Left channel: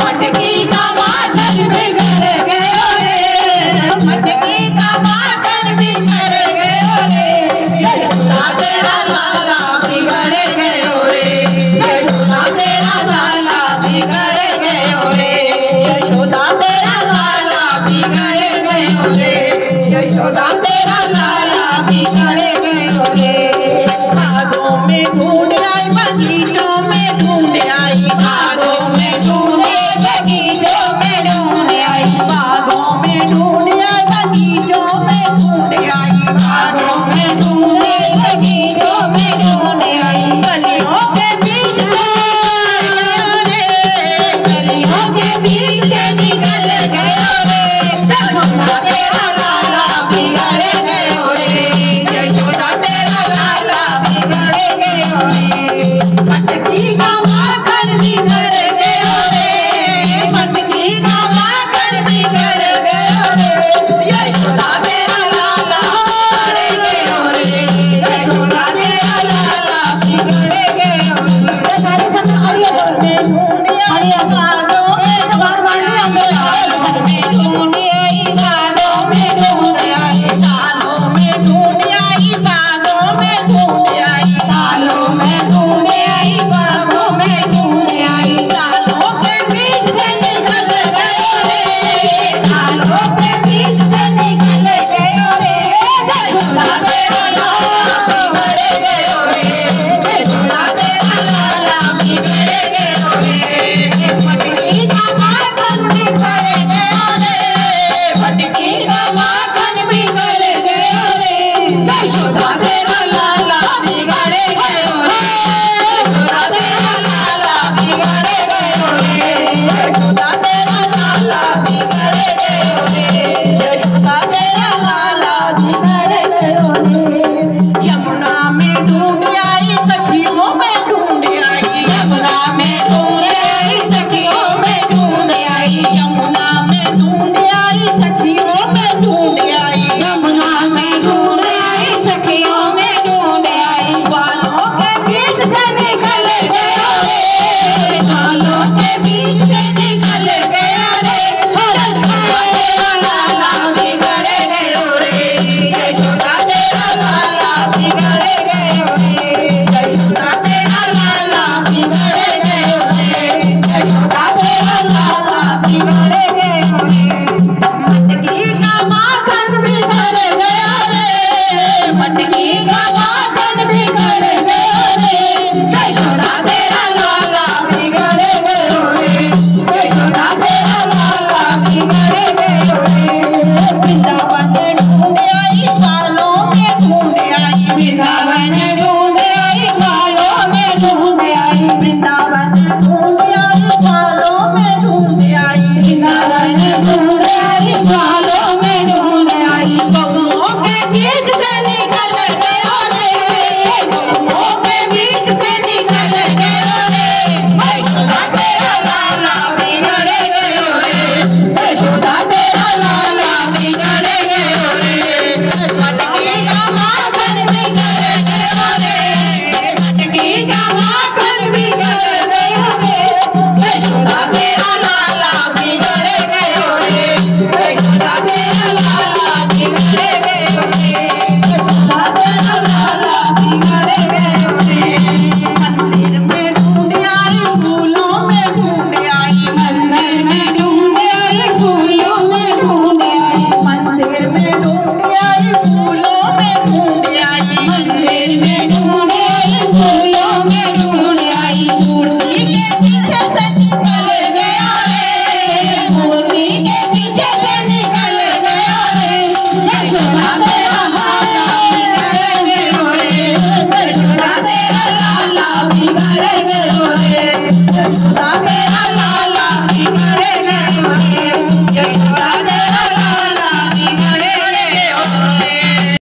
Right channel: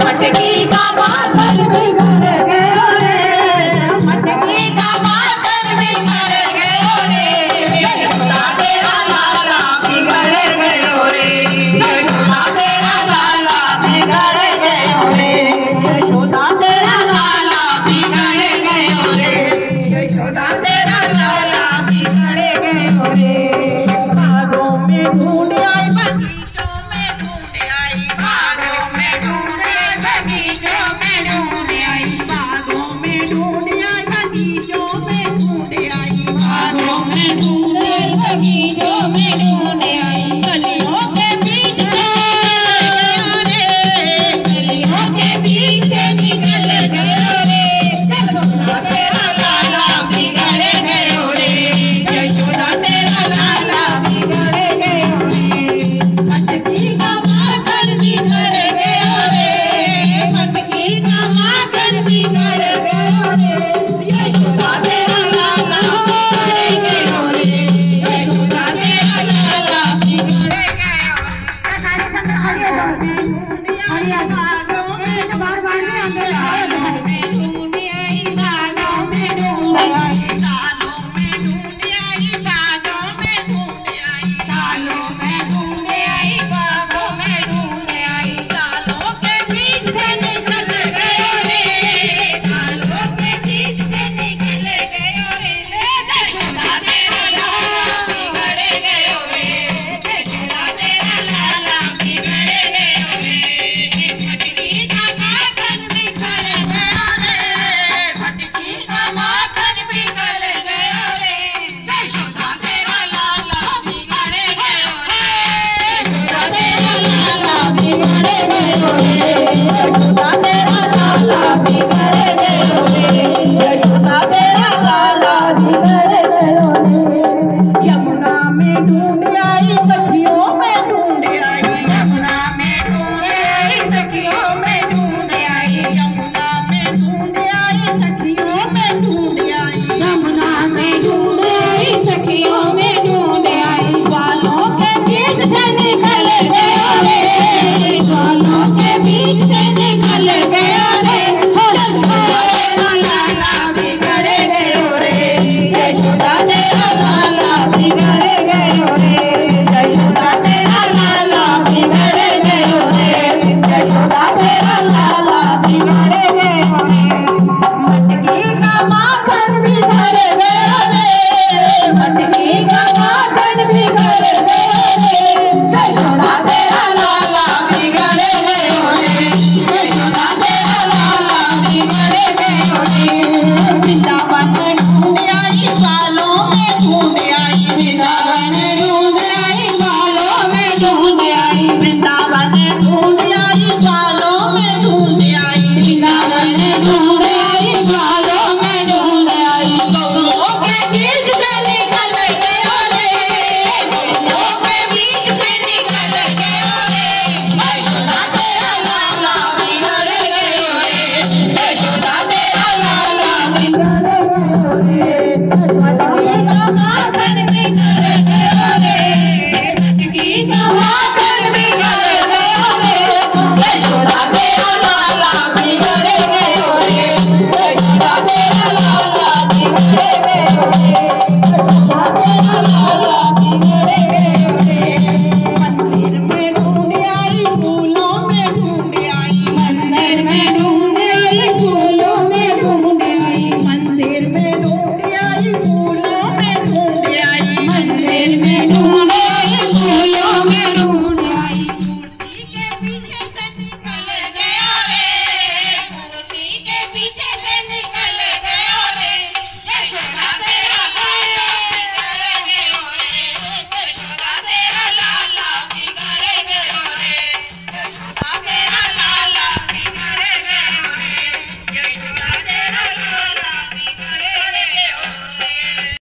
मटकी का माखन भी घर गयो रे, मटकी का माखन भी घर गयो रे, यशोदा तेरा लाला बिगड़ गयो रे, यशोदा तेरा लाला बिगड़ गयो रे, यशोदा तेरा लाला बिगड़ गयो रे, यशोदा तेरा लाला बिगड़ गयो रे। बागों में ढूंढ आई, बगीचों में ढूंढ आई, बागों में ढूंढ आई, बगीचों में ढूंढ आई, बागों में ढूंढ आई, बगीचों में ढूंढ आई, बागों में ढूंढ आई, बगीचों में ढूंढ आई, गलियों के बीच से गयो रे, गलियों के बीच से निकल गयो रे, यशोदा तेरा लाला बिगड़ गयो रे, यशोदा तेरा लाला बिगड़ गयो रे। मटकी का माखन बिगड़ गयो रे, मटकी का माखन बिगड़ गयो रे, यशोदा तेरा लाला बिगड़ गयो रे, यशोदा तेरा लाला बिगड़ गयो रे। सारी सब आलिया आलिया बागों में ढूंढ आई, बागों में ढूंढ आई, तालों में ढूंढ आई, बागों में ढूंढ आई, तालों में ढूंढ आई, बागों में ढूंढ आई, तालों के बीच से निकल गयो रे, तालों के बीच से निकल गयो रे, यशोदा तेरा लाला बिगड़ गयो रे, यशोदा तेरा लाला बिगड़ गयो रे। मटकी का माखन बिगड़ गयो रे, मटकी का माखन बिगड़ गयो रे, यशोदा तेरा लाला बिगड़ गयो रे, यशोदा तेरा लाला बिगड़ गयो रे, यशोदा तेरा लाला बिगड़ गयो रे, यशोदा तेरा लाला बिगड़ गयो रे। यमुना में ढूंढ आई, सखियों में ढूंढ आई, यमुना में ढूंढ आई, सखियों में ढूंढ आई, यमुना में ढूंढ आई, सखियों में ढूंढ आई, यमुना में ढूंढ आई, सखियों में ढूंढ आई, बालों के बीच से निकल गयो रे, बालों के बीच से निकल गयो रे, यशोदा तेरा लाला बिगड़ गयो रे, यशोदा तेरा लाला बिगड़ गयो रे, यशोदा तेरा लाला बिगड़ गयो रे, यशोदा तेरा लाला बिगड़ गयो रे। मटकी का माखन बिगड़ गयो रे, मटकी का माखन बिगड़ गयो रे, यशोदा तेरा लाला बिगड़ गयो रे, यशोदा तेरा लाला बिगड़ गयो रे। वृंदावन ढूंढ आई, बालों में ढूंढ आई, वृंदावन ढूंढ आई, बालों में ढूंढ आई, वृंदावन ढूंढ आई, बालों में ढूंढ आई, वृंदावन ढूंढ आई, बालों में ढूंढ आई, गौरों के बीच से निकल गयो रे, गौरों के बीच से निकल गयो रे, यशोदा तेरा लाला बिगड़ गयो रे, यशोदा तेरा लाला बिगड़ गयो रे। मटकी का माखन बिगड़ गयो रे, मटकी का माखन बिगड़ गयो रे, यशोदा तेरा लाला बिगड़ गयो रे, यशोदा तेरा लाला बिगड़ गयो रे, यशोदा तेरा लाला बिगड़ गयो रे। मंदिर में ढूंढ आई, फूलों में ढूंढ आई, मंदिर में ढूंढ आई, फूलों में ढूंढ आई, मंदिर में ढूंढ आई, फूलों में ढूंढ आई, मंदिर में